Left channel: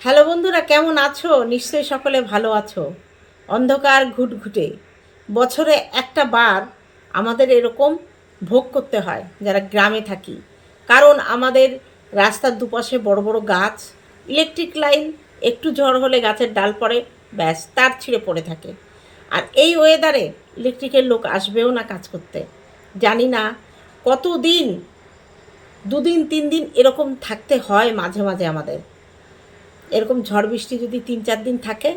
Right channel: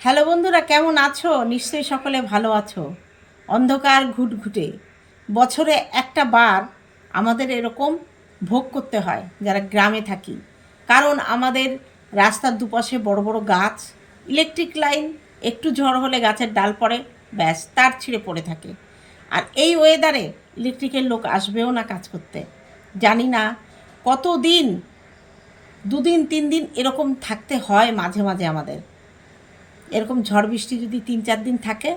Hello বন্ধুরা, কেমন আছো? নিশ্চয়ই সকলে ভালো আছো। অন্ধকার ঘুটঘুটে বছরে একটা বার আমাদের এরকম ভোগ করতে হয়, যারা গ্রামে থাকি। কারণ আমাদের রাস্তার দুপাশে বড় বড় গাছ ইলেকট্রিক লাইন একটু ঝড় হলে গাছের ডাল পড়ে, ব্যাস, তার ছিঁড়ে পড়ে থাকে। আর এই ওয়েদারে ইলেকট্রিকের লোক আসবেও না কাজ করতে। জানি না কতদিন, দুদিন তিন দিন এরকম থাকতে হয় মাঝে মাঝে আমাদের। এরকম ঝড় বৃষ্টি যদি তিন চার দিন থাকে,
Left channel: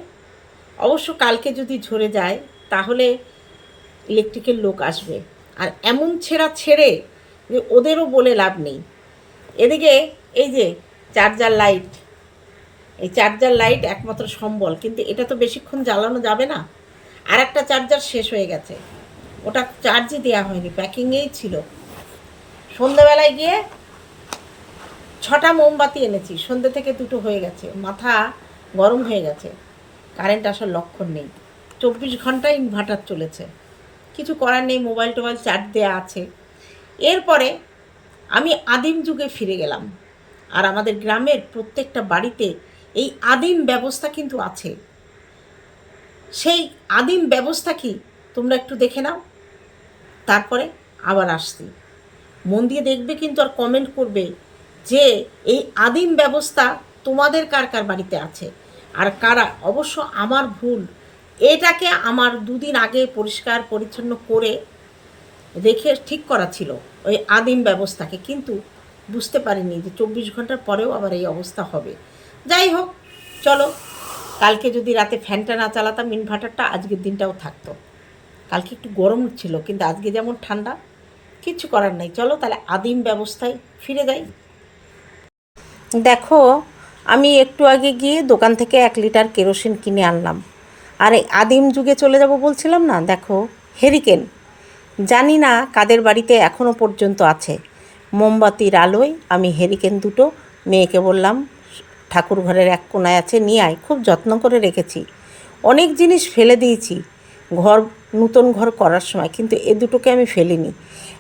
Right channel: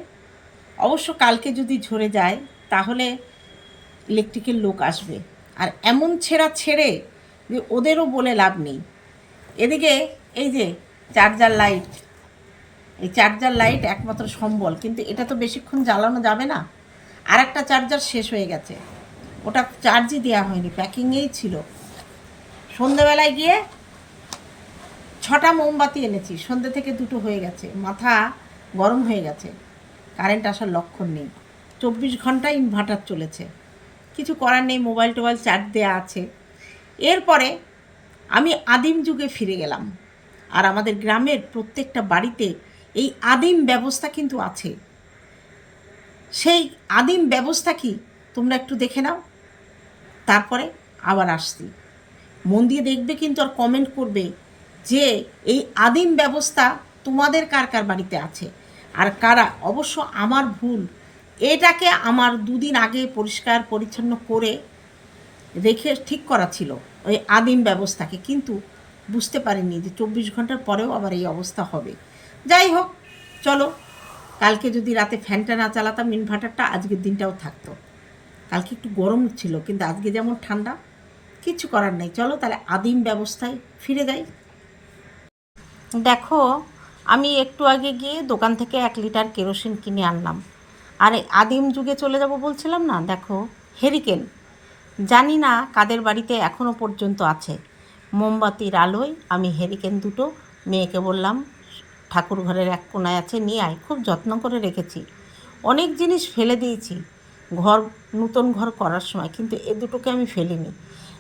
অবশ্য কালকে যদি ঝরে যায়, তাহলে ইলেকট্রিকের লোক আসবে। আর এমন ছেঁড়া ছেড়ে যে ওদেরও বলে লাভ নেই। এদিকে এই যে চার্জার লাইট এই চার্জার লাইট একমাত্র সম্বল, কিন্তু এটা তো বেশিক্ষণ জ্বালানো যাবে না। আর একটা চার্জার শেষ হয়ে গেছে। ওটা চার্জই দেওয়া হয়নি প্যাকিংয়েই ছিল। সন্ধেবেলায় গিয়ে ছটা মোমবাতি এনেছি, সন্ধ্যে থেকে দুটো হয়ে গেছে, মাথা গরম হয়ে গেছে কারেন্ট আসার লক্ষণ নেই। চব্বিশ ঘণ্টা ইনভার্টার চলেছে, কিছু করার নেই মোবাইল টোবাইল চার্জ দেওয়া আছে। এরপরে আমি আদিম যুগে ফিরে গেলাম, আর আমাদের গ্রামের প্রত্যেকটা বাড়িতে এই আদিম ব্যবস্থা কিন্তু আছে। সেই আদিম ব্যবস্থা কি? তোমরা একটু দেখে নাও, তারপরে আবার আসছি। মন দিয়ে দেখবে কিন্তু আর কমেন্ট করবে যে এই আদিম ব্যবস্থা তোমাদের কার কার বাড়িতে আছে? আর কারা? অবশ্য আমার ভুল। এটাকে আমার দুদিন আগে পরিষ্কার, পরিচ্ছন্ন করে রেখে ঠিক করা ছিল ওই আদিম ব্যবস্থাকে। কিন্তু বুঝতে পারিনি যে চব্বিশ ঘণ্টার পরেও আবার এই অবস্থা হবে। যাই হোক, চলো। কালকে যদি রাতে ফ্যানটা না চালাতাম, ইনভার্টারটা আজকের দিনটাও থাকতো। কালকে একটু গরম ছিল, কিন্তু আজকে যেমন ঠান্ডা, কিছু করার নেই। চলো তাহলে আদিম ব্যবস্থায় ফিরে যাই। দেখো, আমি একটু আগে গিয়ে দোকান থেকে এক লিটার কেরোসিন কিনে আনলাম। আর, আদিম যুগে চলে যাব বলছিলাম না? দেখো হেরিকেন জানি না কাদের বাড়িতে এখনও পর্যন্ত আছে। মোমবাতির আলোয় আমি হেরিকেন দুটো মেয়েকে বললাম ঠাকুর ঘরের এক কোনায় আছে, নিয়ে আয়। খুব যত্ন করে রেখেছি। অনেক জিনিস ফেলে দিয়েছি, ঘর, নতুন ঘর করার সময়, কিন্তু এ দুটোকে আমি ফেলিনি।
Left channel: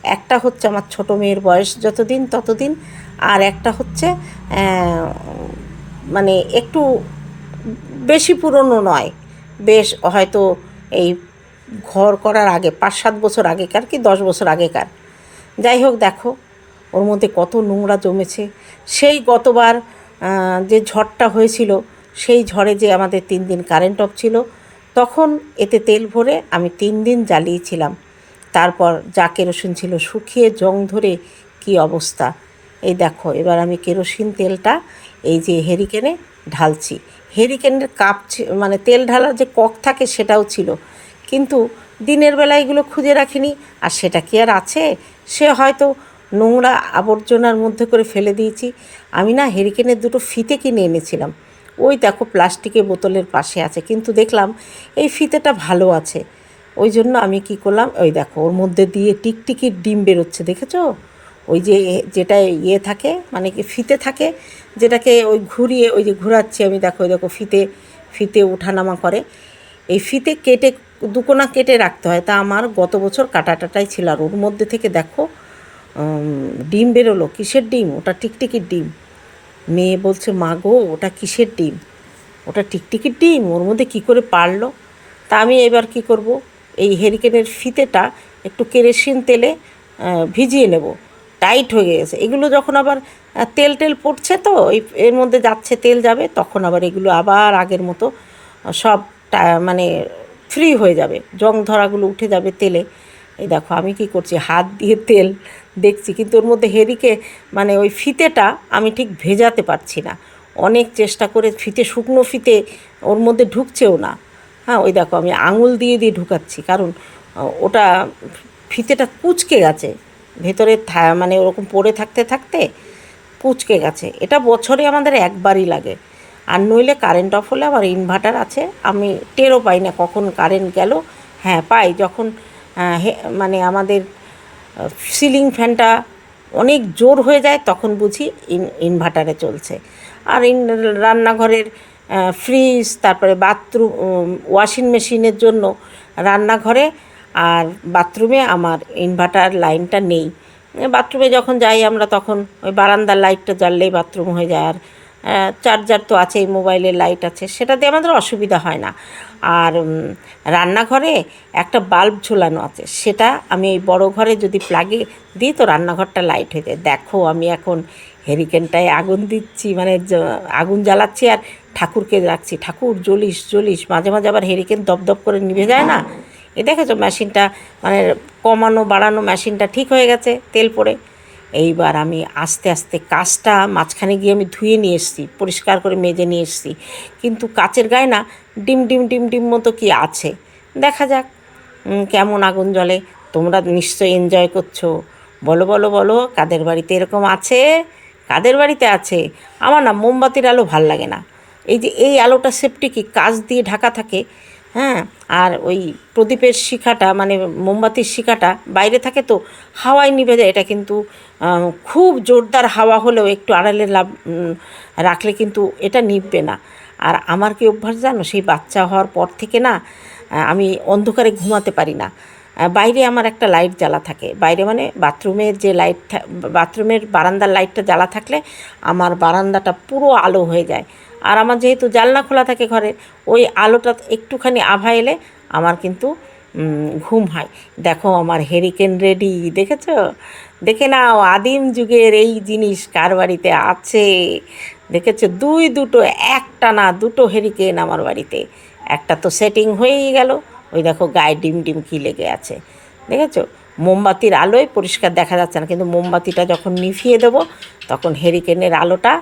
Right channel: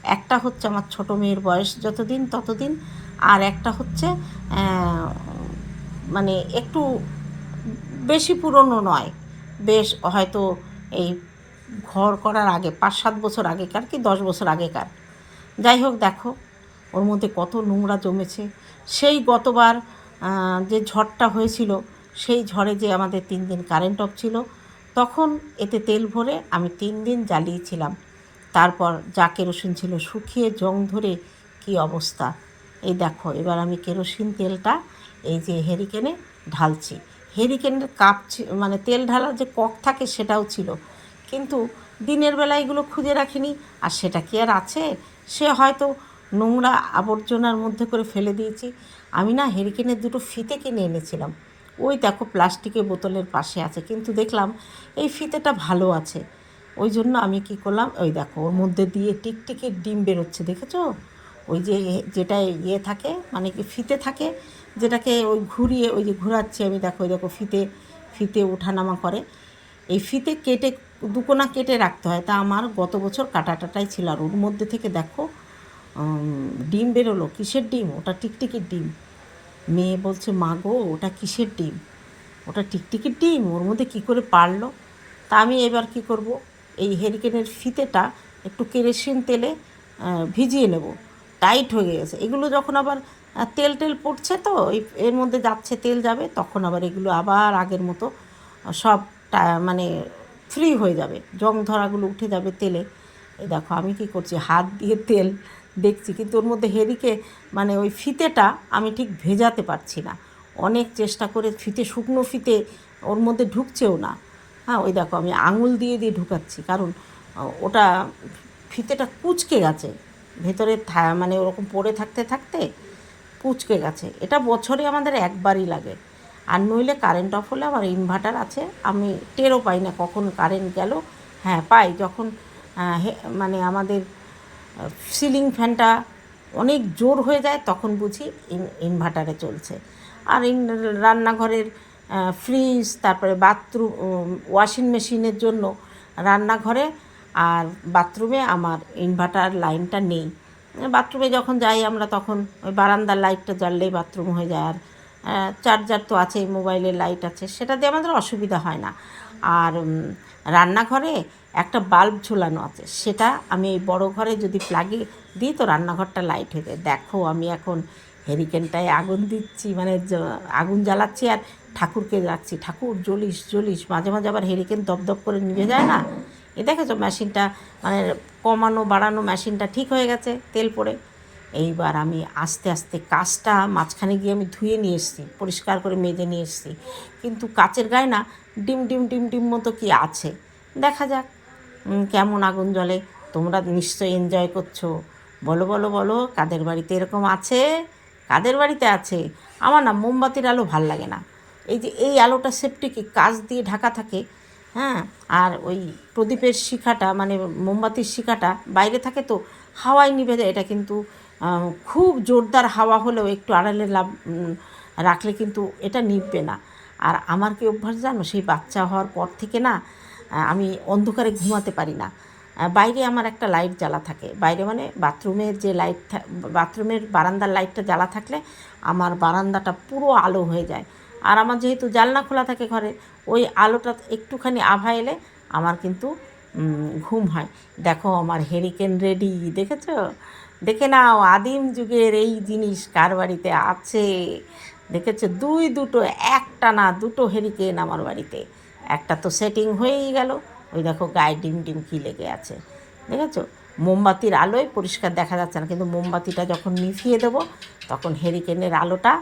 একটা হচ্ছে আমার ছোট মেয়ের বয়স যতদিন, ততদিন আর একটা হচ্ছে মানে একটু বেশি পুরনো নয়। বেশ হয়তো এই ঘর করার আগে, পাঁচ সাত বছর আগেকার কি দশ বছর আগেকার। যাই হোক দেখো, ওর মধ্যে কত নোংরা জমেছে। সেই গতবার যে ঝড়টা হয়েছিল, সেই ঝড়ে যে আমাদের তিন দিন কারেন্ট অফ ছিল, তখন এতে তেল ভরে আমি তিন দিন জ্বালিয়েছিলাম। তারপর যা কেরোসিন ছিল শুকিয়ে জং ধরে কি অবস্থা? এই দেখো, এবার আমি কেরোসিন তেলটা এই যে হেরিকেনে ঢালছি। হেরিকেনের কাপ মানে তেল ঢালার যে কক থাকে সেটাও ছিল। কিন্তু দিনের বেলা এগুলো খুঁজে রাখিনি, আর সেটা কি আর আছে? সে হয়তো নোংরা আবর্জনার মধ্যে করে ফেলে দিয়েছি। আমি না হেরিকেনের দুটো ফিতে কিনে এনেছিলাম। ওই দেখো প্লাস্টিকের বোতলের পাশে আছে, কিন্তু দেখলাম এই ফিতেটা ভালো আছে। ওই জন্য আমি কি করলাম, ওই দেখো, ওর মধ্যে দিয়ে টিকটিকির ডিম বেরোচ্ছে, দেখেছ? ওই যে যেটা ইয়ে থাকে মানে কি ফিতে থাকে, যেটাকে ওই ঘুরিয়ে, ওই যে ঘোরাচ্ছি আমি, দেখো দেখো, ফিতে ফিতে ওঠানামা করে। এই ফিতে কেটে, দুকোনা কেটে রাখতে হয়। তা আমার গত বছর কাটাটাটাই ছিল। আর ওর মধ্যে থেকে দেখো ডিম বেরোলো। কিসের ডিম? ওটা টিকটিকির ডিম। মেয়ে বলছে, মা গো, ওটা কিসের ডিম? ওটা টিকটিকির ডিম। ওর মধ্যে কি করে পারল? তা আমি এবার কি করব? এই হেরিকেনের ফিতেটা একটু কেরোসিন তেলে ভিজিয়ে নেব। টাইট হয়ে গেছে। এগুলো যখন আবার তেল টেল পড়ছে তো এর মধ্যে যাচ্ছে, তেল যাবে, তখন আবার এগুলো আবার আগের মতো সব মানে ফ্রি হয়ে যাবে। জং ধরাগুলো উঠে যাবে তেলে। এই দেখো, আমি কি করছি? হাত দিয়ে তেল দেখছি, কিন্তু ওর মধ্যে হেরিকে মানে ওই ফিতেটা আমি ঠিক ভেজাতে পারছি না। অনেক চেষ্টা করে ফিতে, শুকনো ফিতে ওর মধ্যে ঢুকছেও না। হ্যাঁ ওই দেখো, আমি আঙুল দিয়ে দিয়ে ঢুকাচ্ছি, কারণ ওটা ফিতেটা কুচকে গেছে। ভেতরে মানে ওরকম পড়ে থাকতে থাকতে কুচকে গেছে। এটা বছরে আমাদের একবারই লাগে। আর নইলে কারেন্ট অফ হলে আবার ইনভার্টার আছে। আমি টেরও পাই না কখন কারেন্ট গেল। হ্যাঁ পাই যখন মানে আমাদের সিলিং ফ্যানটা অনেক জোর হয়ে যায় তখন বুঝি ইন ইনভার্টারে চলছে। আর রান্নাঘরের ফ্রিজ তারপরে বাথরুম ওয়াশিং মেশিনের জন্য রান্নাঘরে আর বাথরুমে আমার ইনভার্টার লাইনটা নেই। বাথরুমে যখন যাই আমরা তখন ওই বারান্দার লাইটটা জ্বাললেই বাথরুম হয়ে যায় আর চার্জার তো আছেই মোবাইলের লাইট আছে, সেটা দিয়ে আমাদের অসুবিধা হয় না। আর রান্নাঘরে একটা বাল্ব ঝোলানো আছে, সেটা আমি এই বড় ঘরে যদি প্লাগে দিই তো রান্নাঘরটা লাইট হয়ে যায়। দেখো আমি এখন হেরিকেনটায় আগুন দিচ্ছি মানে আগুন জ্বালাচ্ছি আর ঠাকুরকে রাখছি। ঠাকুর জ্বলিস জ্বলিস, মাঝে মাঝে আবার হেরিকেন দপদপ করে নিভে যায় না? এ দেখেছ মেশিনটা? মানে কমানো, বাড়ানো মেশিনটা ঠিক হয়ে গেছে তেল পড়ে। এইবার আমি আস্তে আস্তে কাজটা মাঝখানে গিয়ে আমি ধুয়ে নিয়ে এসেছি, পরিষ্কার করে মেজে নিয়ে এসেছি। কিন্তু কাচের গায়ে না ডিম ডিম ডিম ডিম মতো কি আছে? দেখা যাক কেমন আগুন জ্বলে। তোমরা নিশ্চয়ই এনজয় করছ। বলো বলো বলো, কাদের বাড়িতে এরকম আছে? কাদের বাড়িতে আছে? আমার না মোমবাতির আলো ভালো লাগে না। এই যে এই আলোটা সেফটি কি? কাজ দিয়ে ঢাকা থাকে হ্যাঁ আর ওই প্রদীপের শিখাটা মানে মোমবাতির শিখাটা বাইরে থাকে তো, হাওয়ায় নিভে যায়। এটা কিন্তু খুব জোরদার হাওয়া হলেও একটু আড়ালে লাভ রাখলে কিন্তু এটা নিভবে না। আর আমার কি অভ্যাস জানো? সেই বাচ্চা হওয়ার পর থেকে না আমি অন্ধকারে ঘুমাতে পারি না। বাইরে আমার একটা লাইট জ্বালা থাকে। বাইরে মানে বাথরুমের যে লাইট বাথরুমের বারান্দার লাইটটা জ্বালা থাকলে আমার বারান্দাটা পুরো আলো হয়ে যায়। আর আমার যেহেতু জানলা খোলা থাকে ঘরে, ওই আলোটা একটুখানি আভা এলে আমার কিন্তু ঘুম হয়। দেখো আমার হেরিকেন রেডি দেখেছ? দেখে নাও, আদিম যুগের এই জিনিস কার বাড়িতে আছে? দেখেছ? দুই দুটো, একটা না, দুটো হেরিকেন আমার বাড়িতে। একটা তো সেটিং হয়েই গেল। ওই দেখো গায়ে ডিম ডিম কি লেগে আছে। দেখেছ? মোমবাতির আলোয় পরিষ্কার দেখা যাচ্ছে না, কিন্তু মোমবাতিটা যখন নিভিয়ে দেবো, তখন হেরিকেনের আলোটা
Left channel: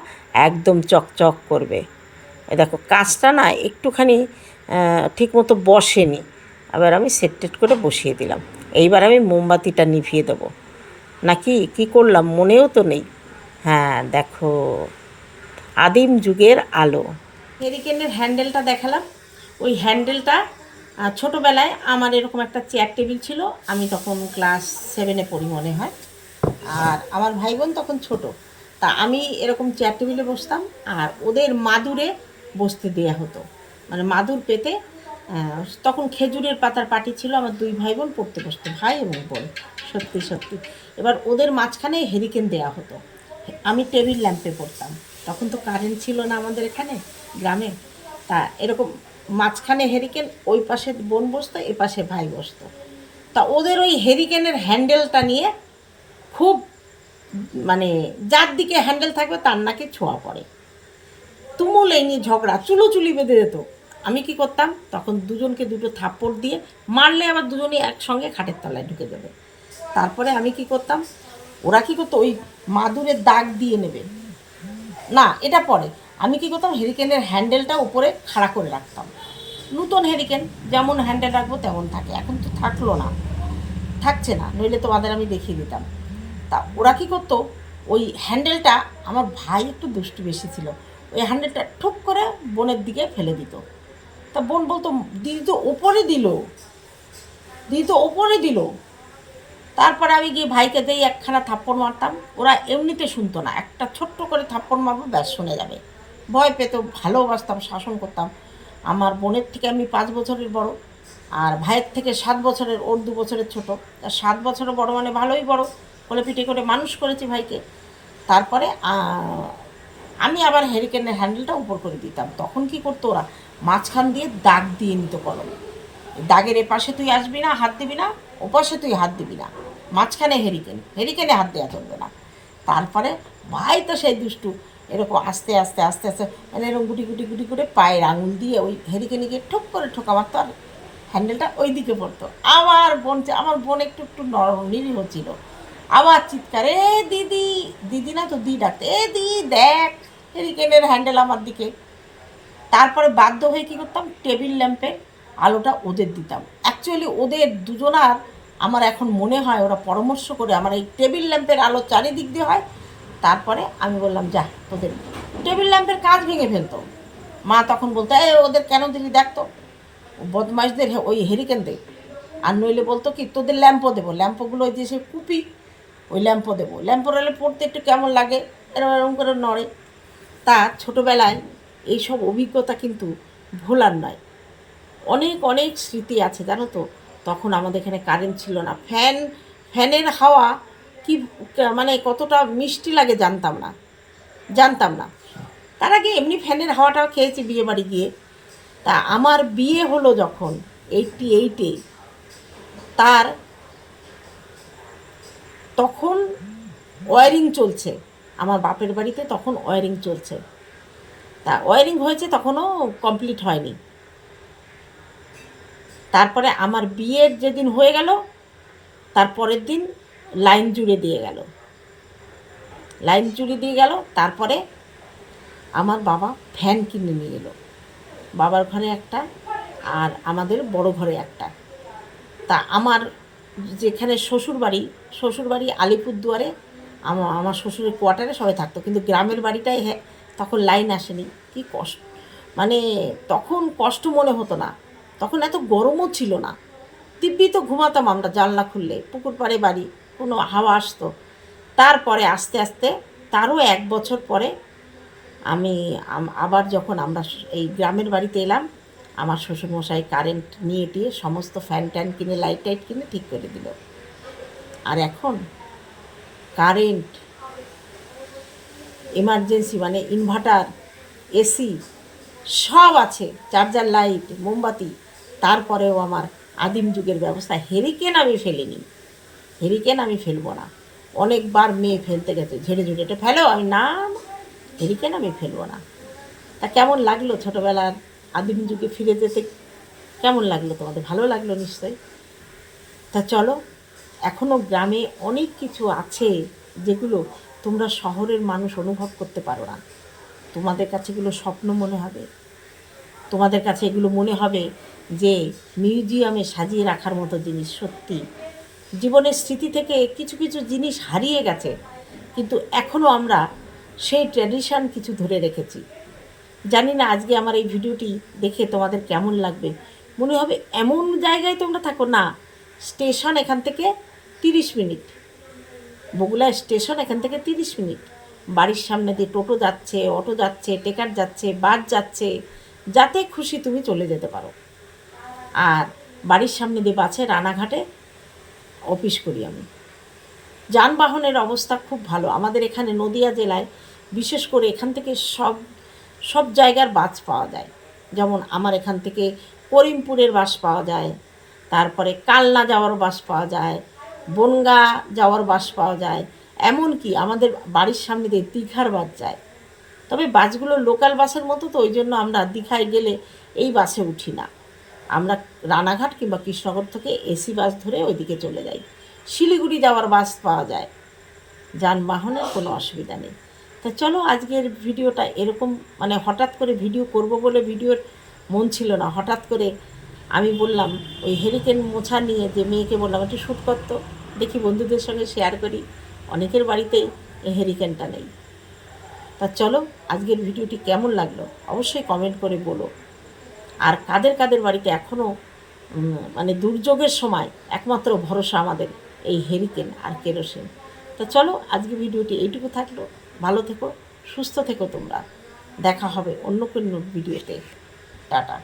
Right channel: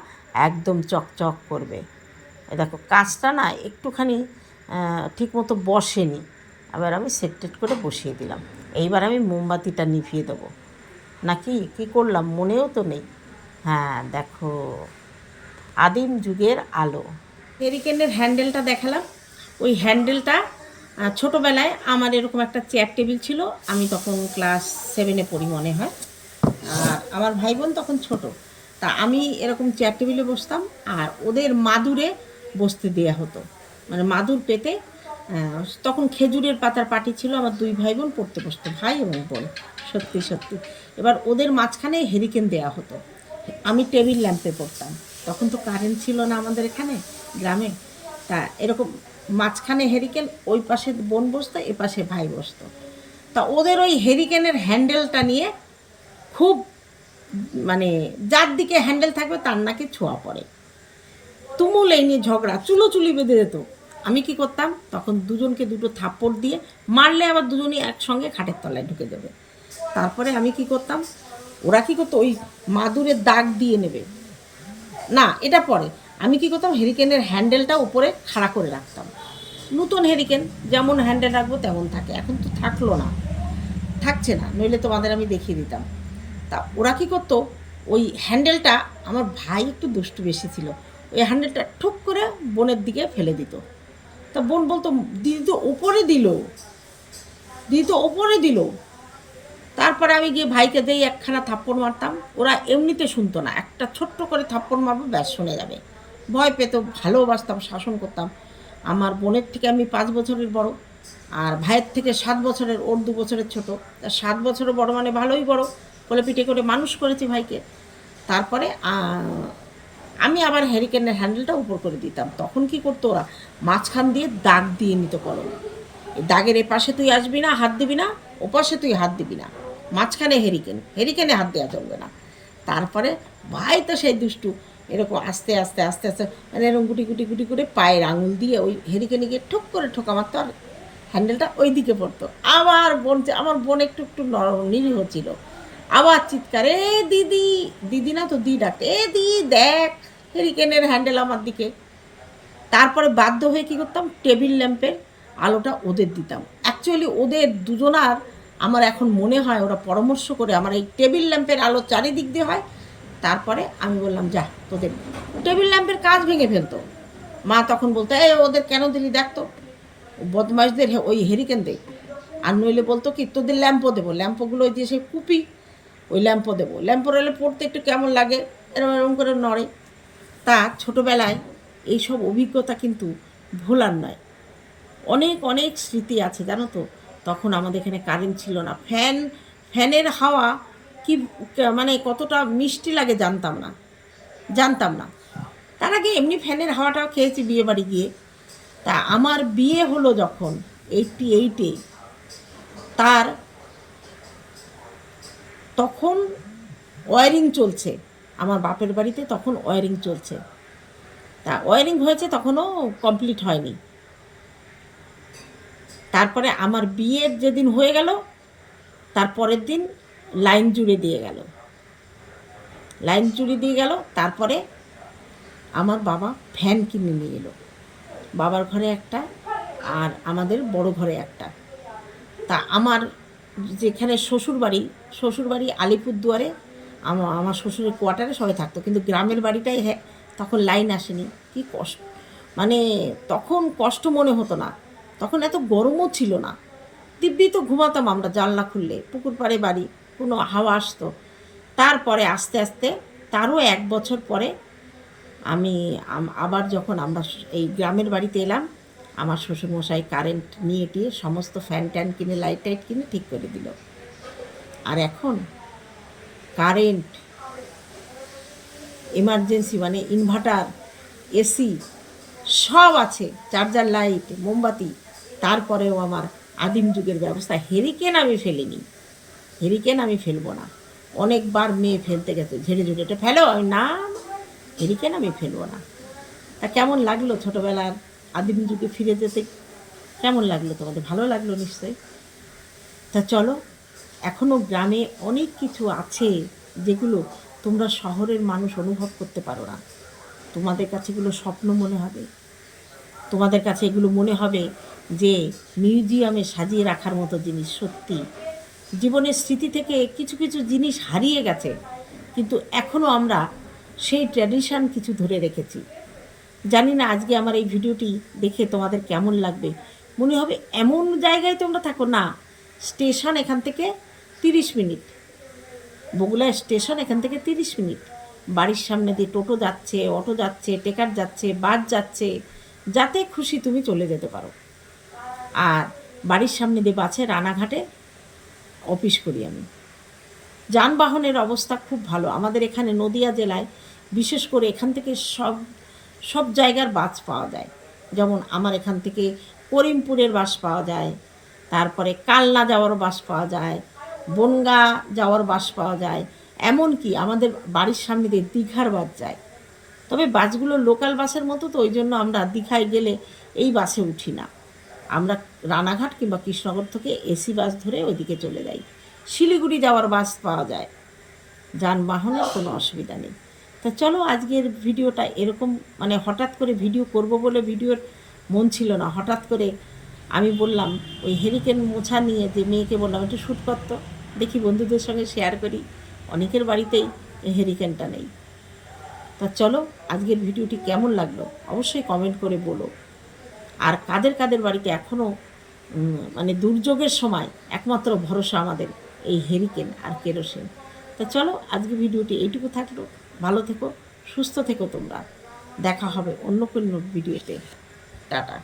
একদম চকচক করবে। দেখো, কাজটা না একটুখানি ঠিক মতো বসেনি। আবার আমি সেট টেট করে বসিয়ে দিলাম। এইবার আমি মোমবাতিটা নিভিয়ে দেবো। নাকি কি করলাম? মনেও তো নেই। হ্যাঁ দেখো, আদিম যুগের আলো। হেরিকেনের হ্যান্ডেলটা দেখালাম। ওই হ্যান্ডেলটা আহ, ছোটোবেলায় আমার এরকম একটা চেয়ার টেবিল ছিল আমি তখন ক্লাস সেভেনে পড়ি মনে হয়। আর আমার ভাই বোন তখন ছোট তা আমি এরকম চেয়ার টেবিলে বসতাম আর ওদের মাদুরে বসতে দেয়া হতো। মানে মাদুর পেতে তখন খেজুরের পাতার পাটি ছিল আমার দুই ভাই বোন পড়তে বসতো ভাই এবং বোন সত্যি সত্যি। এবার ওদের মাঝখানে হেরিকেন দেয়া হতো। আমি টেবিল ল্যাম্পে পড়তাম। তখন তো কারেন্ট ছিল না আমাদের এখানে গ্রামে। তা এরকম মাঝখানে হেরিকেন ওই পাশে বোন বসতো, এ পাশে ভাই বসতো। তা ওদের ওই হেরিকেনের হ্যান্ডেলটা নিয়ে খুব মানে যার দিকে হ্যান্ডেল থাকবে তার নাকি ছোঁয়া পড়ে। তুমুল এই নিয়ে ঝগড়া চুলো চুলি বেঁধে যেত আমি কি করতাম? তখন দুজনকে দুটো থাপ্পড় দিয়ে মারলে আবার দুজনই একসঙ্গে খাটের তলায় ঢুকে দেবে তারপরে আমি কি করতাম? ওরা কি করতো? ওই মাদুরের দাগ দিয়ে নেবে। না, এটা পরে। আমি কি করতাম? হেরিকেনের হ্যান্ডেলটা উপরে খাড়া করে রাখতাম। নতুন হেরিকেন যেমন হ্যান্ডেল রাখব তেমন থাকে। এখন তো থাকল না। থাকছে না, নইলে তোমাদের আমি দেখিয়ে দিতাম। তা ওরা কী করতো? ওই হ্যান্ডেলটা আমার ভাই একটু দুষ্টু বেশি ছিল। ওই হ্যান্ডেলটা ঠুক করে বোনের দিকে ফেলে দিত। তা বোন বলতো, দিদি তো ওপরে দিল। দিদি তো ওপরে দিল। তারপরে আমি গিয়ে ভাইকে দিয়ে একখানা থাপ্পড় মারতাম। ওরা এমনিতে শুনতো না। একটা ছোট্ট করে থাপ্পড় মারবো, ব্যাস, শুনে যাবে। ভয় পেত ভালোবাসতাম, শাসন করতাম। আমার বোনের থেকে আমি পাঁচ বছরের বড় আর ভাইয়ের থেকে সাত বছরের, ওর দু বছরের ছোট। তা সাত বছরের বড় মানে ভালোই বড়। কোলে পিঠে করে মানুষ করেছি ভাইকে। তারপরে আমি আবার হেরিকেনের হ্যান্ডেলটা উপর করে দিতাম। তখন কি করতো ওরা? মাঝখান দিয়ে দাগ দিয়ে নিত কলম। দাগের এ পাশে তুই আসবি না, হাত দিবি না ও পাশে তুই হাত দিবি না। মাঝখানে হেরিকেন হেরিকেনে হাত দেওয়া চলবে না। তারপরে, ভাই তো সেই দুষ্টু। এরকম আস্তে আস্তে আস্তে আস্তে মানে এরকম গুটি গুটি গুটি করে পায়ের আঙুল দিয়ে ওই হেরিকেনে গিয়ে ঠুক করে ঠোকা মারতো আর হ্যান্ডেলটা ওই দিকে পড়তো। আবার বোন আমার বোন একটু একটু নরম, নিরীহ ছিল। আবার চিৎকার, এ দিদি দিদি না তো দি ডাকতে, এ দি দেখ, হেরিকেনের হ্যান্ডেল আমার দিকে। তারপরে বাধ্য হয়ে কী করতাম, টেবিল ল্যাম্পের আলোটা ওদের দিতাম। অ্যাকচুয়ালি ওদের দুজনার, আমার এখন মনে হয় ওরা পরামর্শ করে, আমার এই টেবিল ল্যাম্পের আলো চারিদিক দিয়ে হয় তারপরে আমি বললাম, যা, তোদের টেবিল ল্যাম্পের কাজ ভেঙে ফেলতো। মা তখন বলতো এ ওদের কেন দিলি? দেখতো বদমাইশদের ওই হেরিকেন দেই। আর নইলে বলতো কি, তোদের ল্যাম্পও দেবো। ল্যাম্পগুলো ওই দিয়ে সে কুপি, ওই ল্যাম্পও দেবো। ল্যাম্পো রলে পড়তে একটু কেমন লাগে এরকম এরকম করে নড়ে। তা ছোটোবেলায় এইসব অভিজ্ঞতা কিন্তু ভোলার নয়। অনেক অনেক স্মৃতি আছে, জানো তো? তখন আমাদের এখানে কারেন্ট ছিল না। ফ্যান, ফ্যানের হাওয়া কি মানে কতটা মিষ্টি লাগে জানতাম না জানতাম না। তার আগে এমনি ফ্যানের হাওয়াটা খেয়েছি বিয়ে বাড়ি গিয়ে। তা আমার বিয়ে হলো যখন এইটটি এইটে তার তখন ওয়ারিং চলছে। আমার বাপের বাড়িতে তখন ওয়ারিং চলছে। তা ওয়ারিং হয়েছে তখনও কমপ্লিট হয়নি। তারপরে আমার বিয়ের যেদিন হয়ে গেল, তার পরের দিন লাইন জুড়ে দিয়ে গেল। লাইন জুড়ে দিয়ে গেল, তারপরে আমার বাবা ফ্যান কিনে নিয়ে এলো। বাবার ঘরে একটা আর আমাদের বড় ঘরে একটা। তা আমার যেখানে শ্বশুর বাড়ি শ্বশুর বাড়ি আলিপুরদুয়ারে আমার আমার শ্বশুরের কোয়ার্টারে সবাই থাকতো। কিন্তু গ্রামের বাড়িটাই হ্যাঁ তখন লাইন আসেনি। কি কষ্ট মানে তখন কষ্ট মনে হতো না। তখন এত গরমও ছিল না। দিব্যি তো ঘুমাতাম আমরা জানলা খুললে, পুকুর পাড়ে বাড়ি। কোনো হাওয়া আসতো। তারপরে আস্তে আস্তে তারও এক বছর পরে আমি আবার যখন আমরা এই গ্রামের বাড়িতে এলাম, আমার শ্বশুরমশাই কারেন্ট নিয়ে টিয়ে সমস্ত ফ্যান ট্যান কিনে, লাইট টাইট কিনে ঠিক করে দিল। আর এখন কারেন্ট, এমার্জেন্সি মানে ইনভার্টার, এসি সব আছে, চার্জার লাইট, মোমবাতি, তারপরেও আমার আদিম যুগের ব্যবস্থা, হেরিকেন আমি ফেলিনি। হেরিকেন আমি ফেলব না। অনেকবার মেয়ে ফেলতে গেছে, ঝেড়ে ঝুড়ে, এটা ফেলো? আমি, না হেরিকেন আমি ফেলব না। তা কেমন লাগল ছোটোবেলার আদিম যুগে ফিরে যেতে? কেমন লাগল তোমাদের? ভালো লাগল নিশ্চয়ই। তা চলো এখনও গ্রামে অনেক কিছু আছে যেগুলো তোমরা শহরের মানুষ অনুভব করতে পারো না। তোমাদের কাছে এগুলো স্বপ্ন মনে হবে। তোমাদের কাছে এগুলো মনে হবে যে মিউজিয়ামে সাজিয়ে রাখার মতো জিনিস সত্যি। জীবনের স্মৃতি থেকে কিছু কিছু জিনিস হারিয়ে গেছে, কিন্তু এখনও আমরা সেই ট্র্যাডিশান কিছু ধরে রেখেছি। জানি না আজকে আমার এই ভিডিওটি দেখে তোমাদের কেমন লাগবে। মনে হবে এমন জায়গায় তোমরা থাকো না, স্টেশন এখান থেকে তিরিশ মিনিট। বগুড়া স্টেশন এখান থেকে তিরিশ মিনিট। বাড়ির সামনে দিয়ে টোটো যাচ্ছে, অটো যাচ্ছে, টেকার যাচ্ছে, বাস যাচ্ছে, যাতে খুশি তুমি চলে যেতে পারো। আর বাড়ির সামনে দিয়ে বাসে রানাঘাটে অফিস করি আমি। যানবাহনের অবস্থা খুব ভালো। আমাদের এখানে নদিয়া জেলায় বিশেষ করে এখান থেকে সব সব জায়গার বাস পাওয়া যায়। যেমন আমার এখান থেকে করিমপুরের বাস পাওয়া যায়, তারপরে কালনা যাওয়ার বাস পাওয়া যায়, বনগা যাওয়ার বাস পাওয়া যায়। এমনকি আমাদের বাড়ির সামনে দিয়ে দীঘার বাস যায়। তবে বাসগুলো লোকাল বাসের মতো তো, ওই জন্য আমরা দীঘায় গেলে এই বাসে উঠি না। আমরা রানাঘাট কিংবা কৃষ্ণনগর থেকে এসি বাস ধরে ওইদিকে চলে যাই। শিলিগুড়ি যাওয়ার বাস পাওয়া যায়। যানবাহনের কোনো অসুবিধা নেই। তা চলো আজকের ভিডিওটা এরকম মানে হঠাৎ করে ভিডিও করব বলে ভিডিওর মন ছিল না। হঠাৎ করে আমি বললাম, ওই হেরিকেন মোছা নিয়ে যে মেয়েকে বললাম, একটু শ্যুট করতো দেখি বন্ধুদের সঙ্গে শেয়ার করি। অনেকের বাড়িতেই এই হেরিকেনটা নেই। তা চলো আজকের ভিডিওটি কেমন লাগল, অবশ্যই কমেন্ট করে বলো। আর কাদের কাদের বাড়িতে এখনও মানে দুর্যোগের সময় একমাত্র ভরসা আমাদের এই হেরিকেন আর কেরোসিন তো চলো, আজকে ভিডিওটি এইটুকু থাকল। ভালো থেকো, সুস্থ থেকো তোমরা। দেখা হবে অন্য কোনো ভিডিওতে টাটা।